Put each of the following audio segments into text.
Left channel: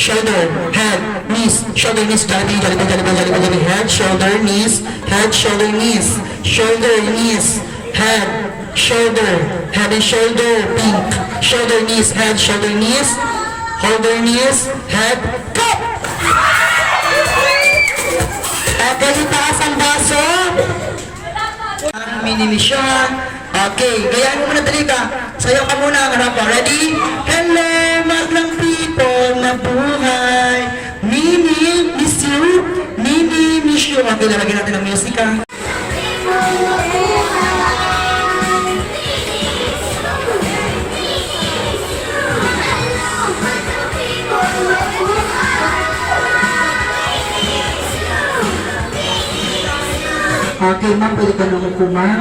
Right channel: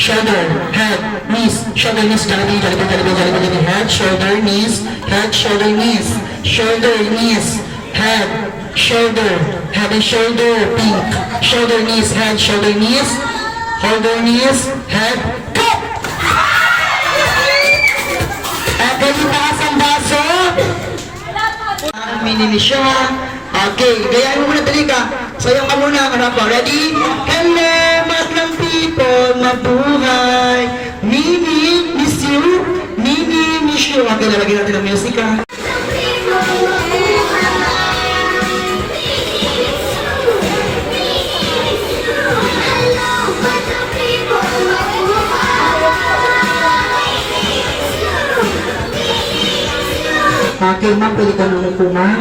shoulder, head, knees, shoulder, knees, head, shoulder, knees, head, shoulder, knees, shoulder, knees, head, shoulder, head and shoulder, pink, shoulder, knees, head, shoulder, knees, head, go! Okay, itaas ang baso. Minili siya. Okay, gayaan mo muna, dali ka. Sayang ka muna, harap ka. Ready? Hello, maglang people, mabuhay. Mimi, miss you. Mimi, miss you. Okay, lalagyan natin ang music, ha. Okay, ma'am, pwede ka naman po, ma'am.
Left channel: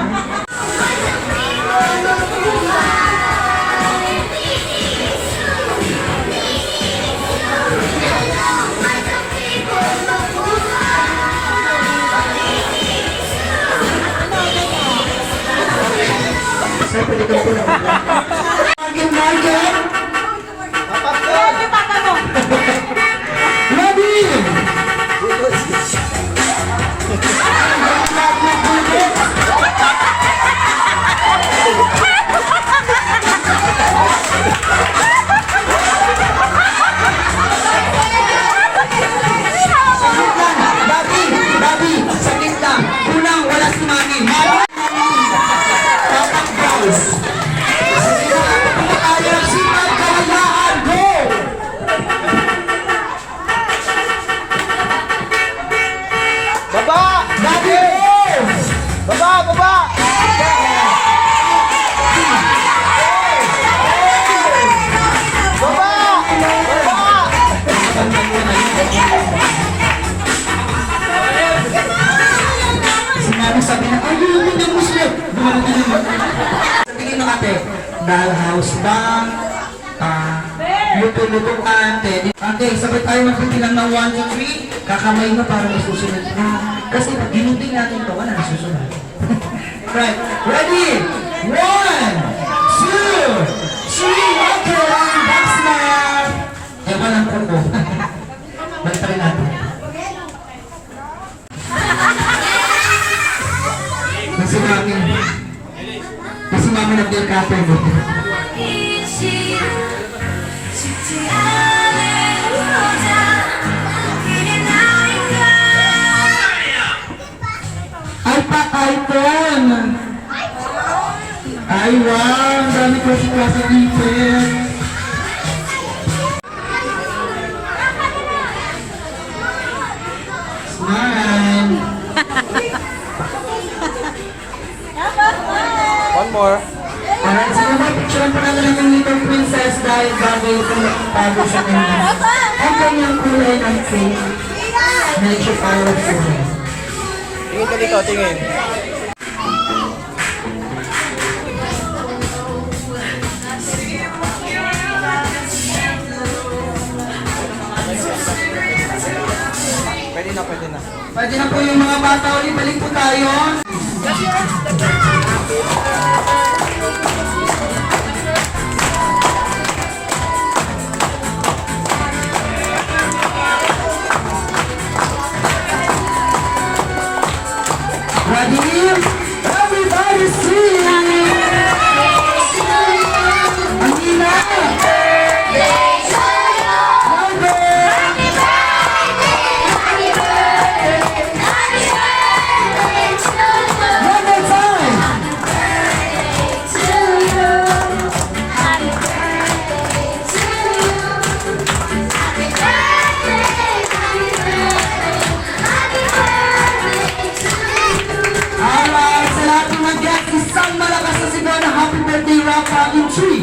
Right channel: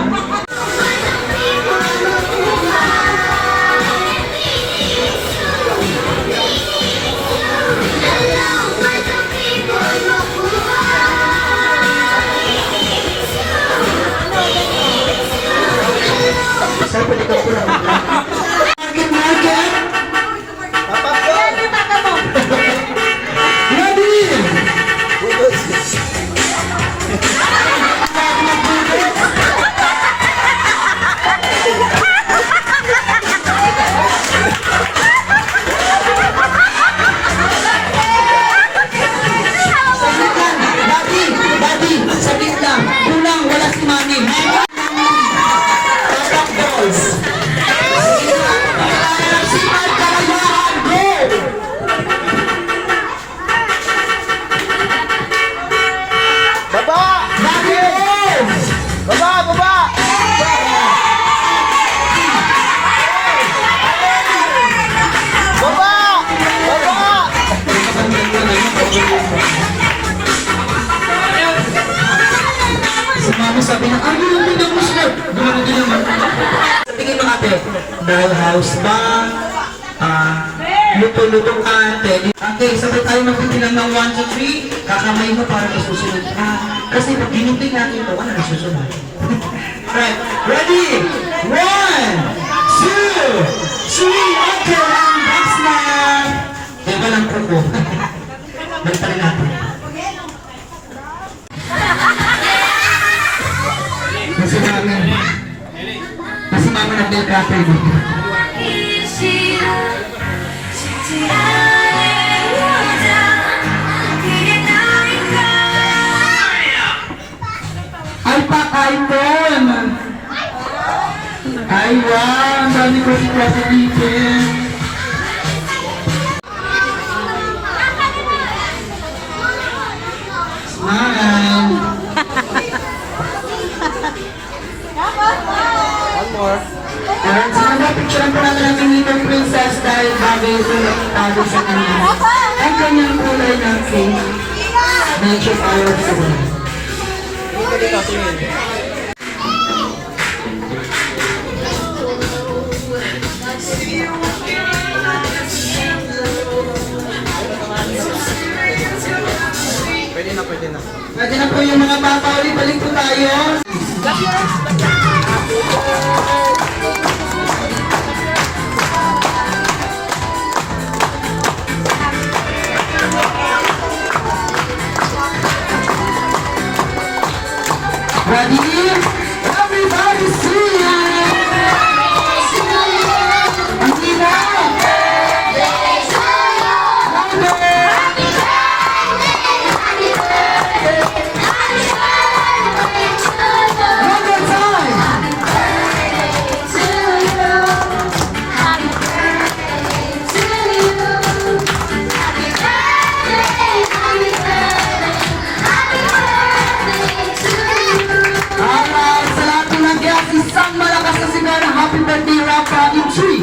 Sir, pwede ka po naman. Market! Papapon! Ready! Bobby, sakit lang. Unang, wala si Mami. Sikat, kalayahan, go! Baba! Bobby, Baba! Baba! Baba! Baba! si Mami sabi na, ay, lumulong mo siya. Gumano din naman. Sa tingin mo ate, dollhouse ba? Luto-luto ka, teddy. Okay, sabay tayo magpitilang ng 1, 2, 3. Kakamay mo para may susunod ka. Kasi pag ginupin natin ito, wala na susunod. Right, ready? 1, 2, 3. Okay, round box na. Kaya walang ko. Balik pa rin natin. Kasi mama nag-delcaper mo. Ay, pa-iPhone! Ay, wow! Ang dami ko si klase dito. Smile! One more. Alright, so picture pa naman yung little princess dahil bagay ito nakitago sa kanya. Ang kanyang kulay ng face. Medyo palo sa kanya. Tingin ka dito, tingin. Pwede na, pwede na. Pwede na po yung mga bata ulit. Balik po tayo. Ready? Everybody sing! Ang ina! One more time! Alright, sa lahat ng nag-guess, isang malakas na sigaw na happy birthday rock in 3,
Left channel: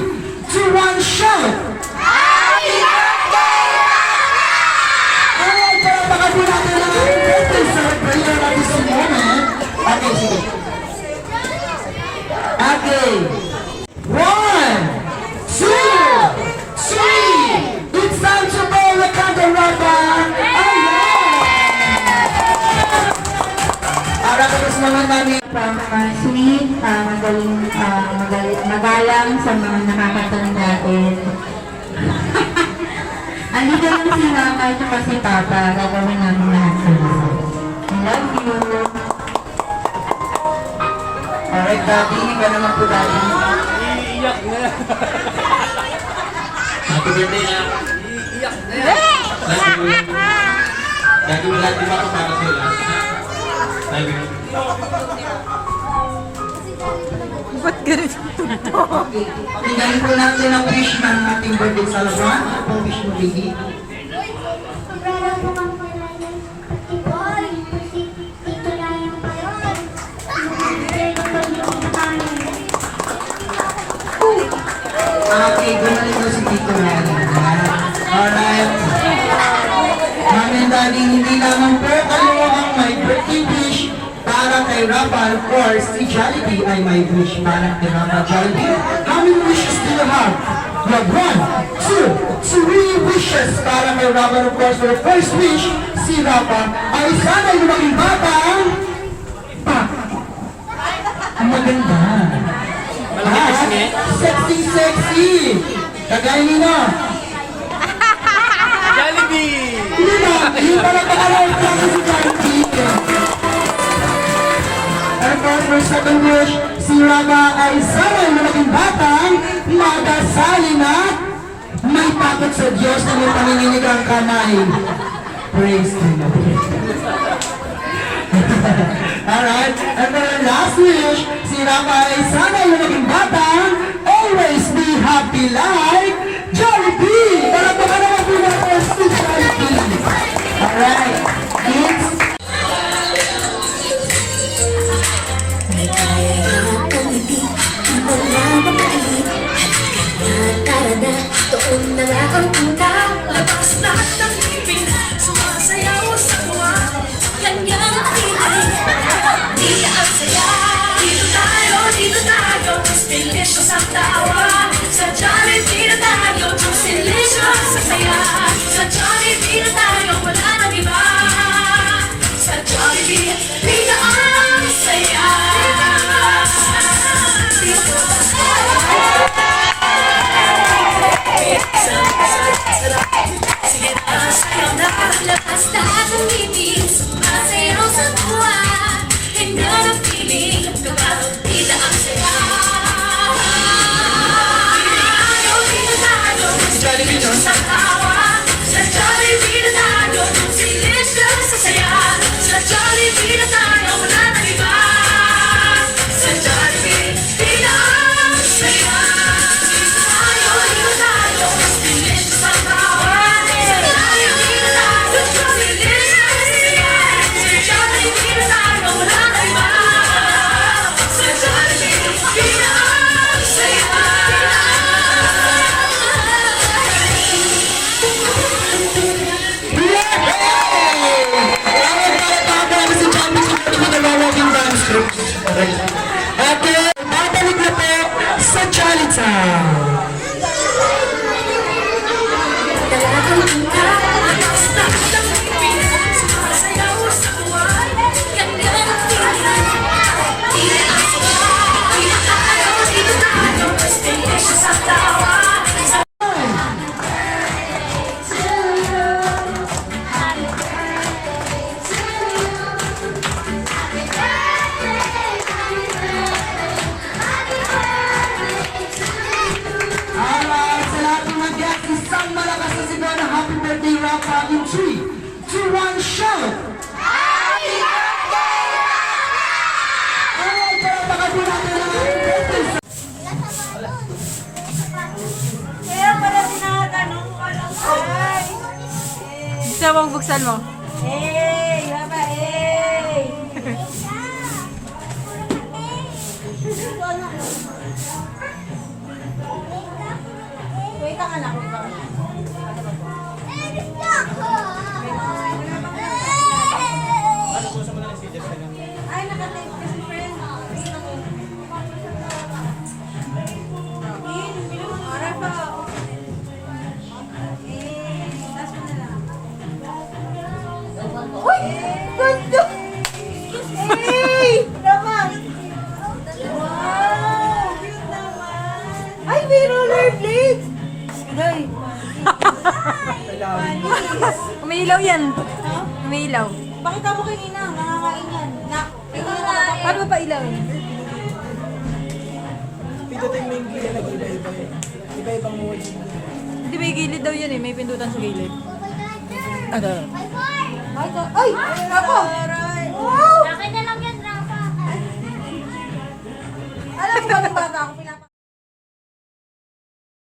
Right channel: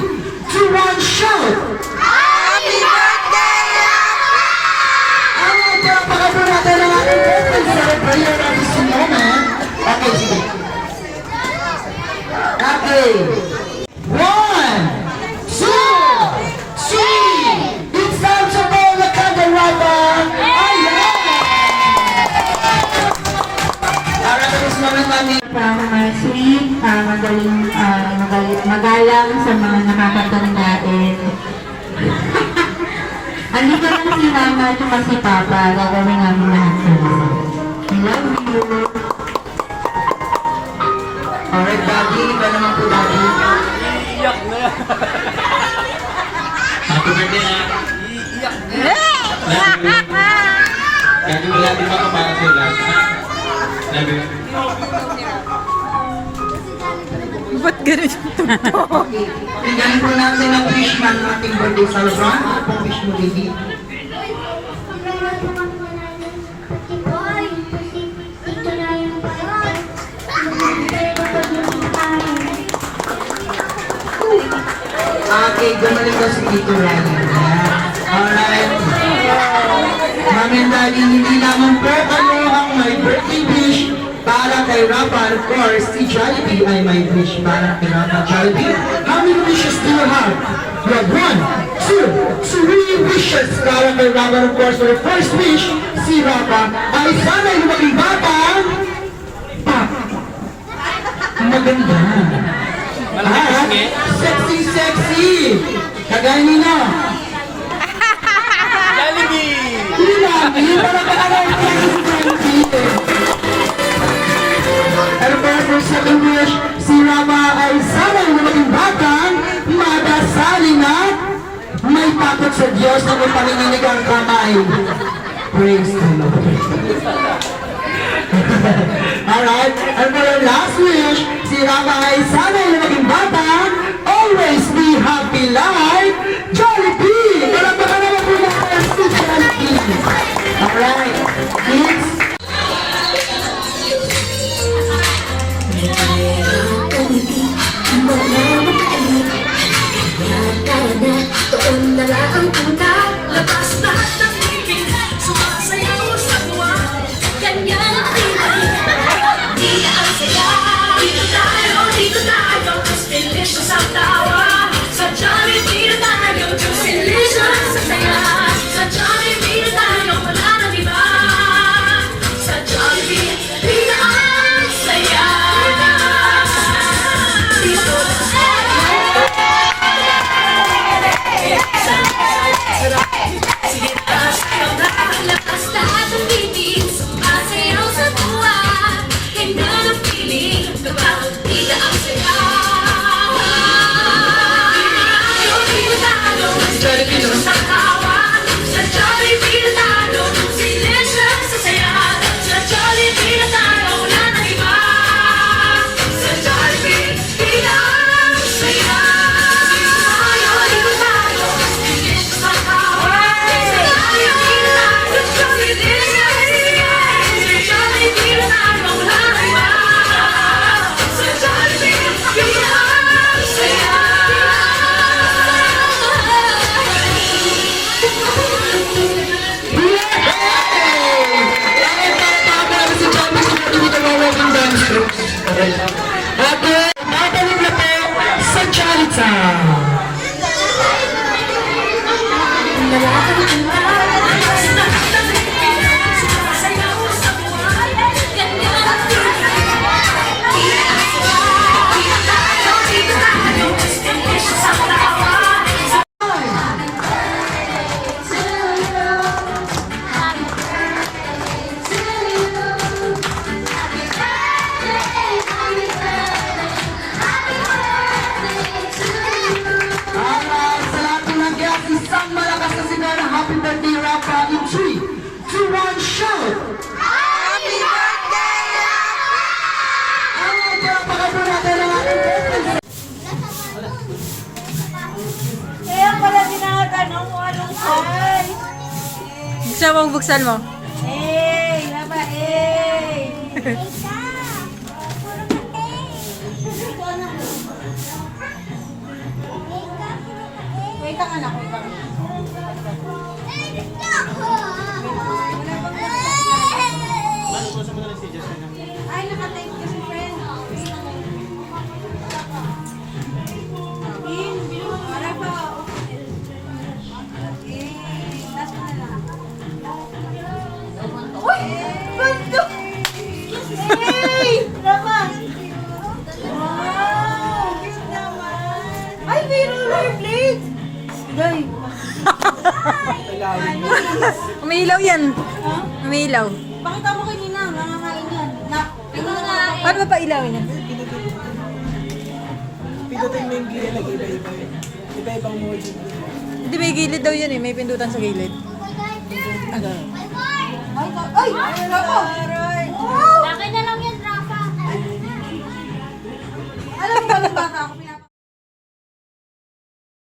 2, 1, shout! Alright, palakpakan po natin ang ating birthday celebrator at this moment. Okay, sige. Okay. 1, 2, 3. It's time to roll the candelabra. Alright, at this moment, Mami. Sweet, magaling, magalang sa mga nakakatanda natin. si Mama at saka si Papa, gagawin namin lahat sana. I love you. Alright, Daddy. Iba naman po, Daddy. Iiyak na yan. Happy birthday, ha? Iiyak na yan. Daddy, wala di ba para sa lahat? Love you. Ba't ganun yung Bigyan po natin ang wish ng ating birthday celebrant. Ang wish mo, baby. Okay, gumaling daw si Tito Ren. Alright. Mami and Daddy, hindi naman po kayo ang may birthday wish para kay Rafa. Of course, si Jollibee ay may wish para kay Rafa. Jollibee, how many wishes do you have? You have 1, 2, 3 wishes para kay Rafa. Of course, for the first wish, si Rafa ay sana yung maging batang maganda. Malaki pisngi. Sexy, sexy. Kagaya nila. Jollibee! Hindi para kagalaw pa si Jollibee. And for second wish, si Rama ay sana yung maging batang madasalin at may takot sa Diyos na may panginginig ang kamay. Praise the Lord. Alright, and for our last wish, si Rama ay sana yung maging batang always be happy like Jollibee! Palagpakan naman po natin si Jollibee! Alright, kids, Doon na lang ang utang, labas lahat ng ibig, sumasayaw sa buwan. Ganyan ang buhay, di na ang saya. Dito tayo, delicious ang tawa. Sa Jollibee na tayo, delicious sa saya. Sa Jollibee na tayo, wala nang iba. Sa Jollibee, di na ang saya. Labas lahat ng ibig, sumasayaw sa buwan. Ganyan ang feeling, kapatid ang saya. Dito tayo, Jollibee no? sa tawa. Sa Jollibee na tayo, delicious sa saya. Sa Jollibee na tayo, wala nang iba. Sa Jollibee, di na ang saya. Dito tayo, delicious sa tawa. Sa Jollibee na tayo, delicious sa saya. Sa Jollibee na tayo, wala nang iba. Sa Jollibee, di na ang saya. Okay, babalik na po sa Jolly Town. Alright, sa lahat po ng guests, isang malakas na sigaw na happy birthday Rafa in 3, 2, 1, shout! Happy birthday, Rafa! Alright, palakpakan po natin ang ating birthday. Kaya pala tinatanong mo alam ko. Gusto mong buksan mo? Hey! Laba, hey! Wait ang anak ko pa. Ay, nakatype ko si friend. Oray pa. Last mo na lang. Uy! Gusto! Hey! Naman! Wow! Cute naman! Ay, may roller blades! Guys, Umiilaw yan. Umiilaw. Pakita mo kanina, nakakain yan. Ito nga eh. Paano ba pa ilawin? Pindutin mo yung gilid, nag-iba-iba yun. Iba-ibang modes. Hindi, may gilid daw yan eh. May pindutan sa gilid. Ano? Ay! Ay! Ako!